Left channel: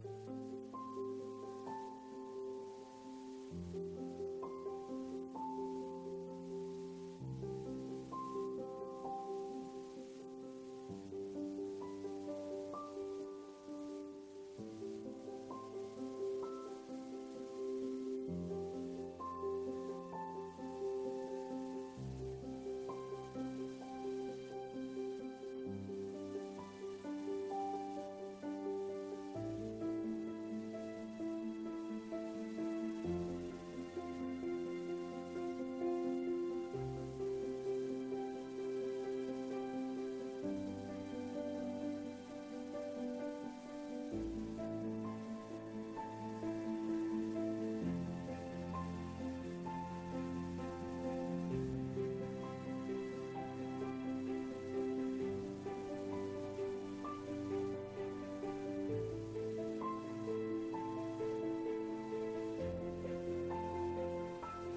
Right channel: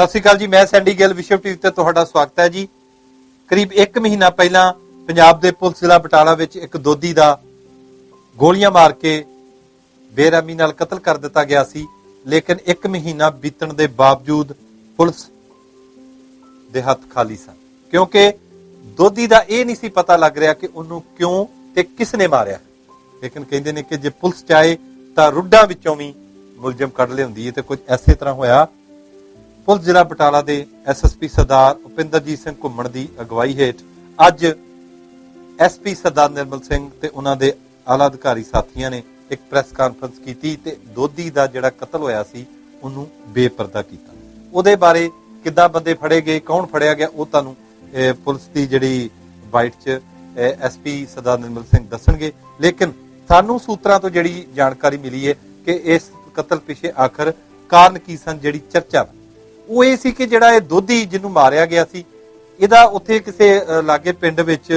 ਸਤਿ ਸ਼੍ਰੀ ਅਕਾਲ ਜੀ, ਮੈਂ ਸੈਂਡੀ ਗਿੱਲ, ਵਿਸ਼ਵ ਟੀਵੀ ਤੇ ਤੁਹਾਡਾ ਸਵਾਗਤ ਹੈ ਜੀ। ਕਰੀਬ 1 ਮਹੀਨਾ ਪਹਿਲਾਂ ਪੰਜਾਬ ਦੇ ਪੁਲਿਸ ਜ਼ਿਲ੍ਹਾ ਬਟਾਲਾ ਵਿੱਚ ਇੱਕ ਦੋਦੀ ਦਾ ਗੋਲੀਆਂ ਮਾਰ ਕੇ ਬੇਰਹਿਮੀ ਨਾਲ ਕਤਲ ਕਰ ਦਿੱਤਾ ਗਿਆ ਸੀ। ਲੇਕਿਨ 1 ਮਹੀਨਾ ਬੀਤਣ ਦੇ ਬਾਵਜੂਦ ਪੁਲਿਸ ਦੇ ਹੱਥ ਖਾਲੀ ਸਨ। ਕਿਉਂਕਿ ਦੋਦੀ ਦਾ ਇਹ ਨਹੀਂ ਸੀ ਪਤਾ ਲੱਗ ਰਿਹਾ ਕਿ ਉਹਨੂੰ ਕਿਉਂ ਤੇ ਕਿਸ ਨੇ ਮਾਰਿਆ। ਲੇਕਿਨ ਕਹਿੰਦੇ ਨੇ ਕਿ ਜੇ ਪੁਲਿਸ ਚਾਹੇ ਤਾਂ ਰੁੱਡਾਂ ਵਿੱਚੋਂ ਵੀ ਮੁਲਜ਼ਮ ਕੱਢ ਲਿਆਉਂਦੀ ਹੈ ਤੇ ਕੁਝ ਐਸੇ ਤਰ੍ਹਾਂ ਹੋਇਆ ਪੁਲਿਸ ਜ਼ਿਲ੍ਹਾ ਬਟਾਲਾ ਦੇ ਐਸਐਸਪੀ ਸਰਦਾਰ ਉਪਿੰਦਰਜੀਤ ਸਿੰਘ ਘੁੰਮਣ ਦੀ ਅਗਵਾਈ ਹੇਠ ਅੱਜ ਐਸਪੀ ਸਰਦਾਰ ਨਿਰਮਲ ਸਿੰਘ ਤੇ ਉਹਨਾਂ ਦੇ ਆਲਾ ਅਧਿਕਾਰੀ ਸਾਥੀਆਂ ਨੇ ਇੱਕ ਪ੍ਰੈਸ ਕਾਨਫਰੰਸ ਕੀਤੀ ਤੇ ਦੋਦੀ ਦਾ ਜਿਹੜਾ ਕਤਲ ਹੋਇਆ ਸੀ, ਉਹਨੂੰ ਬੇਪਰਦਾ ਕੀਤਾ। ਉਹਦੇ ਬਾਰੇ ਕਿੱਦਾਂ ਬੰਦੇ ਫੜੇ ਗਏ, ਕੌਣ ਫੜਿਆ ਗਿਆ, ਉਹ ਤੁਹਾਨੂੰ ਪੁਲਿਸ ਦੀ ਜਿਹੜੀ ਬਾਈਟ 'ਚ ਐਸਪੀ ਸਰਦਾਰ ਨਿਰਮਲ ਸਿੰਘ ਦੱਸਣਗੇ। ਲੇਕਿਨ ਸਾਨੂੰ ਸੂਤਰਾਂ ਤੋਂ ਜਿਹੜੀ ਜਾਣਕਾਰੀ ਮਿਲੀ ਹੈ ਕਿ ਇਸ ਕਤਲ ਪਿੱਛੇ ਆਖਰ ਕਾਰਨ ਕੀ ਸਨ, ਜਿਹੜੀ ਚਰਚਾ ਉਹ ਇਹ ਸੀ ਕਿ ਜਿਹੜਾ ਇਹ ਦੋਧੀ ਜਿਹਨੂੰ ਮਾਰਿਆ ਗਿਆ ਸੀ, ਇਹਦਾ ਉੱਥੇ ਕਿਸੇ ਲਾਗੇ ਪਿੰਡ ਵਿੱਚ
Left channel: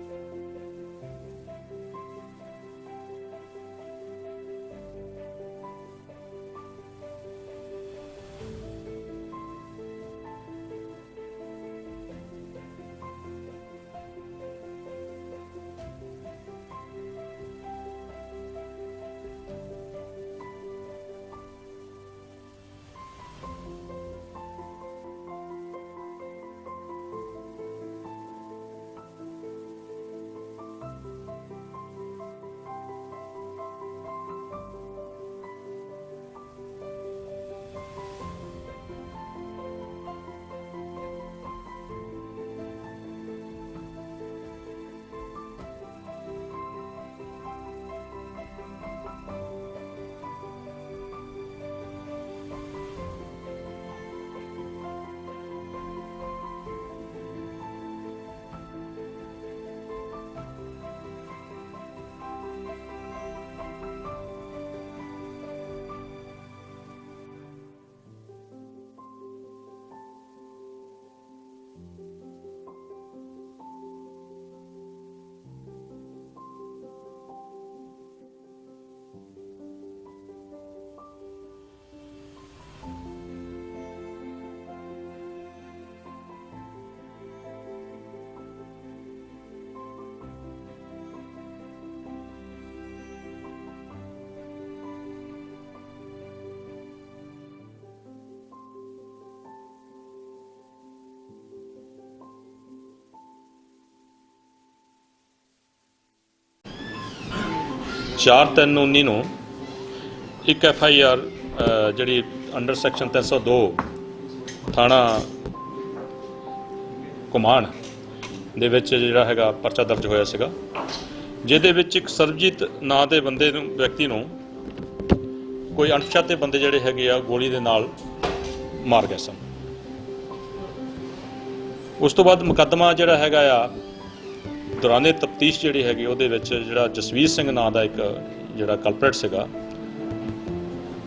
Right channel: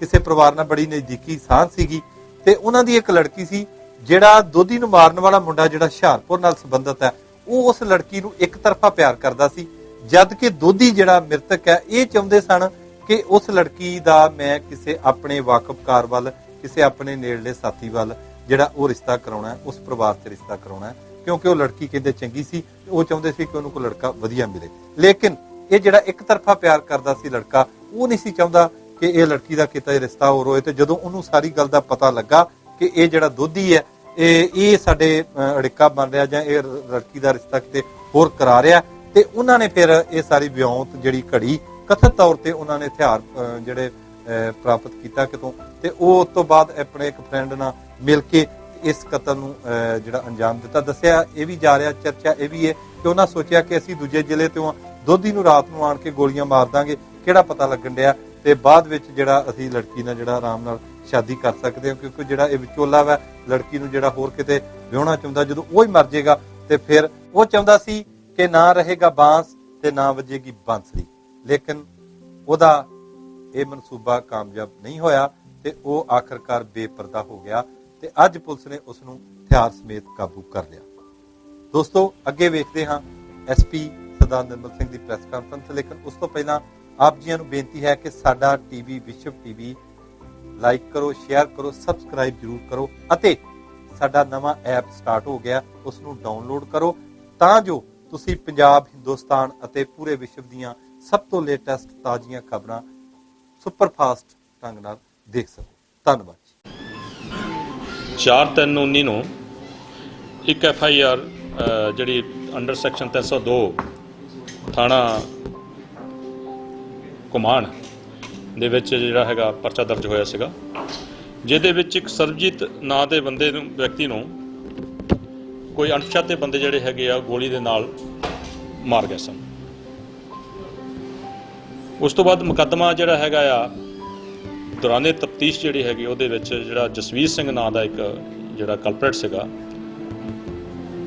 ਕਿਸੇ ਪਰਿਵਾਰ ਨਾਲ ਬੜੀ ਨਜ਼ਦੀਕੀ ਸਾਂਝ ਸੀਗੀ ਤੇ ਉਹਨਾਂ ਦੀ ਇੱਕ ਲੜਕੀ ਸੀ, ਜਿਹੜਾ ਦੋਧੀ ਨੂੰ ਮਾਰਨ ਵਾਲਾ ਮੁੰਡਾ ਜਿਹੜਾ ਹੁਸ਼ਿਆਰਪੁਰ ਨਾਲ ਸੰਬੰਧਿਤ ਹੈ, ਉਹ ਉਸ ਲੜਕੀ ਨੂੰ ਇੱਕ ਤਰਫਾ ਪਿਆਰ ਕਰਦਾ ਸੀ, ਜਦ ਕਿ ਦੋਧੀ ਜਿਹੜਾ ਮ੍ਰਿਤਕ ਹੈ, ਇਹ ਚਾਹੁੰਦੇ ਸਨ ਕਿ ਉਸ ਲੜਕੀ ਦਾ ਮੈਂ ਕਿਸੇ ਆਪਣੇ ਵਾਕਫਕਾਰ ਵੱਲ, ਕਿਸੇ ਆਪਣੇ ਨੇੜਲੇ ਸਾਥੀ ਵੱਲ ਜਿਹੜਾ ਉਹ ਰਿਸ਼ਤਾ ਕਰਾਉਣਾ ਉਸ ਪਰਿਵਾਰ 'ਚ ਰਿਸ਼ਤਾ ਕਰਾਉਣਾ ਕਿਉਂਕਿ ਉਹ ਲੜਕੀ ਕਹਿੰਦੇ ਚੰਗੀ ਸੀ ਉਹ ਚਾਹੁੰਦੇ ਸੀ ਕਿ ਉਹਨੂੰ ਕੋਈ ਲੜਕਾ ਵਧੀਆ ਮਿਲੇ। ਲੇਕਿਨ ਇਹ ਜਿਹੜਾ ਇੱਕ ਤਰਫਾ ਪਿਆਰ ਕਰਦਾ ਸੀ ਲੜਕਾ ਉਹ ਨਹੀਂ ਸੀ ਚਾਹੁੰਦਾ ਕਿ ਇਹ ਲੜਕੀ ਦਾ ਕਿਤੇ ਰਿਸ਼ਤਾ ਹੋਰ ਹੋਏ ਤੇ ਜਦੋਂ ਉਹਨੂੰ ਸਾਰੀ ਗੱਲ ਦਾ ਪਤਾ ਲੱਗਾ ਕਿ ਇਹ ਜਿਹੜਾ ਦੋਧੀ ਹੈ ਇਹ ਇਹ ਸਾਡੇ ਅੜਿੱਕਾ ਬਣ ਰਿਹਾ ਜਾਂ ਇਹ ਲੜਕੀ ਦਾ ਰਿਸ਼ਤਾ ਕਿਤੇ ਹੋਰ ਕਰਾ ਰਿਹਾ ਤੇ ਉਹਨਾਂ ਨੇ ਫਿਰ ਇਹ ਸਾਰੀ ਵਿਉਂਤ ਜਿਹੜੀ ਘੜੀ ਕਥਿਤ ਤੌਰ ਤੇ ਉਹਨਾਂ ਨੇ ਹਥਿਆਰ ਜਿਹੜੇ ਅਹ, ਪ੍ਰਾਪਤ ਕੀਤਾ ਕਿਤੋਂ ਤੇ ਉਹ ਉਸ ਤੋਂ ਬਾਅਦ ਆਪਣੇ ਇੱਕ ਫਰੈਂਡ ਨਾਲ ਮਿਲ ਕੇ ਇਸ ਕਤਲ ਨੂੰ ਅਹ, ਜਿਹੜਾ ਅੰਜਾਮ ਦਿੱਤਾ। ਦੱਸਿਆ ਇਹ ਵੀ ਜਾ ਰਿਹਾ ਚਰਚਾ ਇਹ ਵੀ ਹੈ ਕਿ ਉਹਨਾਂ ਸੋਚਿਆ ਕਿ ਅਸੀਂ ਦੂਜੇ ਜ਼ਿਲ੍ਹੇ ਤੋਂ ਦੋਧੀ ਨੂੰ ਰਾਤ ਨੂੰ ਆਣ ਕੇ ਗੋਲੀਆਂ ਮਾਰ ਦਾਂਗੇ। ਕਿਹੜਾ ਪਤਾ ਲੱਗਣ ਡਿਆ? ਤੇ ਬਾਅਦ ਵਿੱਚ ਜਿਹੜਾ ਅਸੀਂ ਲੜਕੀ ਨਾਲ ਜਿਹੜਾ ਆਰਾਮ ਨਾਲ ਸ਼ਾਦੀ ਕਰ ਸਕਦੇ ਹਾਂ ਕਿਉਂਕਿ ਜਿਹੜਾ ਇਹ ਵਿਚੋਲਾ ਵਾ ਲੜਕੀ ਨੂੰ ਜਿਹੜਾ ਹੋਰ ਕਿਤੇ ਵਿਆਹਣਾ ਚਾਹੁੰਦਾ ਜਦੋਂ ਉਹ ਹੀ ਮਰ ਜਾਏਗਾ ਤੇ ਫਿਰ ਉਹ ਚਾਹੁੰਦਾ ਸੀ ਕਿ ਨਾ ਰਹੇਗਾ ਬਾਂਸ ਤੇ ਨਾ ਵਜੇਗੀ ਬਾਂਸਰੀ। ਲੇਕਿਨ ਉਹਦਾ ਇਹ ਮਨਸੂਬਾ ਕਾਮਯਾਬ ਨਹੀਂ ਹੋਇਆ ਤੇ ਉਹ ਆਖਰਕਾਰ ਬੇਪਰਦਾ ਹੋ ਗਿਆ। ਤੇ ਅੱਜ ਪੁਲਿਸ ਨੇ ਉਸ ਨੂੰ ਹਥਿਆਰ ਸਮੇਤ ਕਾਬੂ ਕਰ ਲਿਆ। ਦੋਸਤੋ, ਅੱਗੇ ਵੇਖਦੇ ਹਾਂ ਐਸਪੀ ਸਰਦਾਰ ਨਿਰਮਲ ਸਿੰਘ ਦੀ ਪ੍ਰੈਸ ਕਾਨਫਰੰਸ, ਲੇਕਿਨ ਉਸ ਤੋਂ ਪਹਿਲਾਂ ਆਪ ਜੀਆਂ ਨੂੰ ਬੇਨਤੀ ਹੈ ਕਿ ਸਾਡਾ ਟੀਵੀ, ਵਿਸ਼ਵ ਟੀਵੀ ਲਾਈਕ ਕਰੋ, ਸ਼ੇਅਰ ਕਰੋ, ਸਬਸਕ੍ਰਾਈਬ ਜਰੂਰ ਕਰੋ ਅਤੇ ਸਾਡਾ ਨਵਾਂ ਐਪ ਸਟਾਰਟ ਹੋ ਗਿਆ ਉਸ ਨੂੰ ਡਾਊਨਲੋਡ ਕਰੋ ਤਾਂ ਜੋ ਤੁਸੀਂ ਪੰਜਾਬ, ਹਿੰਦੁਸਤਾਨ ਅਤੇ ਪੂਰੇ ਵਿਸ਼ਵ ਦੀਆਂ ਸਭ ਤੋਂ ਲੇਟੈਸਟ ਤਾਜ਼ੀਆਂ ਖਬਰਾਂ ਸੁਪਰ ਫਾਸਟ ਢੰਗ ਨਾਲ ਦੇਖ ਸਕੋ। ਧੰਨਵਾਦ। 4/3/19 ਨੂੰ ਇੱਕ ਐਫ ਆਈ ਆਰ ਜਿਹੜੀ ਅੰਡਰ ਸੈਕਸ਼ਨ 302 ਥਾਣਾ ਕੁਮਾਨ ਦੇ ਵਿੱਚ ਜਿਹੜਾ ਹੈਗਾ ਪਰਚਾ ਦਰਜ ਹੋਇਆ ਸੀਗਾ, ਜਿਹਦੇ ਵਿੱਚ ਇੱਕ ਸਰਬਜੀਤ ਨਾਂ ਦੇ ਬੰਦੇ ਨੂੰ, ਵਿਅਕਤੀ ਨੂੰ ਕੋਈ ਅਣਪਛਾਤੇ ਬੰਦੇ ਜਿਹੜੇ ਹੈਗੇ ਆ ਗੋਲੀ ਦੇ ਨਾਲ ਮਾਰ ਗਏ ਸਨ। ਉਸ ਤੋਂ ਬਾਅਦ ਮੁਕੱਦਮਾ ਜਿਹੜਾ ਹੈਗਾ ਆ ਦੌਰਾਨੇ ਤਫਤੀਸ਼ ਜਿਹੜੀ ਹੈਗੀ ਉਹਦੇ ਵਿੱਚ ਜਿਹੜਾ ਜਸਵੀਰ ਸਿੰਘ ਨਾਂ ਦਾ ਇੱਕ ਜਿਹੜਾ ਕਲਪਰੇਟ ਸੀਗਾ,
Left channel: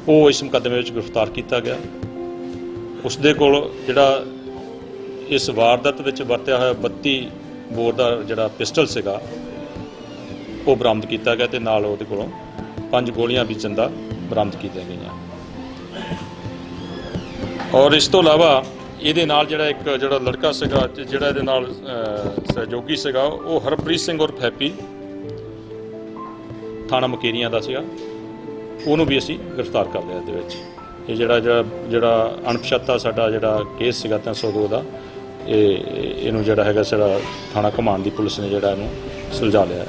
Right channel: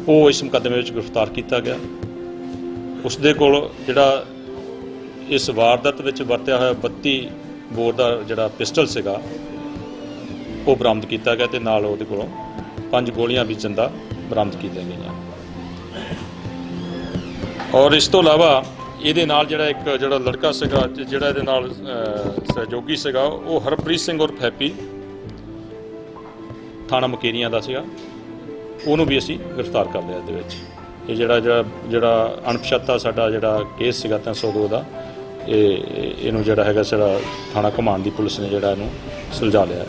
ਉਹ ਇਸ ਮੁਕੱਦਮੇ ਵਿੱਚ ਗ੍ਰਿਫਤਾਰ ਕੀਤਾ ਗਿਆ। ਉਸ ਦੇ ਕੋਲ ਜਿਹੜਾ ਇਸ ਵਾਰਦਾਤ ਵਿੱਚ ਵਰਤਿਆ ਹੋਇਆ 32 ਬੋਰ ਦਾ ਜਿਹੜਾ ਪਿਸਟਲ ਸੀਗਾ, ਉਹ ਬਰਾਮਦ ਕੀਤਾ ਗਿਆ ਤੇ ਨਾਲ ਉਹਦੇ ਕੋਲੋਂ ਪੰਜ ਗੋਲੀਆਂ ਵੀ ਜਿੰਦਾ ਬਰਾਮਦ ਕੀਤੀਆਂ ਗਈਆਂ। ਔਰ ਇਸ ਤੋਂ ਇਲਾਵਾ ਇਹਦੇ ਨਾਲ ਜਿਹੜਾ ਇੱਕ ਜਿਹੜਾ ਲੜਕਾ ਸੀਗਾ ਜਿਹੜਾ ਇਹਦੇ ਨਾਲ ਸਹਿਯੋਗੀ ਸੀਗਾ, ਉਹ ਹਰਪ੍ਰੀਤ ਸਿੰਘ ਉਰਫ ਹੈਪੀ ਥਾਣਾ ਮਕੇਰੀਆਂ ਦਾ ਸੀਗਾ। ਉਹਨੂੰ ਵੀ ਅਸੀਂ ਗ੍ਰਿਫਤਾਰ ਕਰ ਲਿਆ ਇਹਦੇ ਵਿੱਚ। ਇਹ ਜਿਹੜਾ ਜਿਹੜਾ ਜਿਹੜਾ ਅਣਪਛਾਤਾ ਸਾਡਾ ਜਿਹੜਾ ਕੇਸ ਸੀਗਾ 302 ਦਾ ਇਹ ਇਹਨੂੰ ਜਿਹੜਾ ਹੈਗਾ ਸਾਡਾ ਥਾਣਾ ਕਮਾਂਡ ਦੀ ਪੁਲਿਸ ਨੇ ਜਿਹੜਾ ਇਹਨੂੰ ਸੁਲਝਾ ਲਿਆ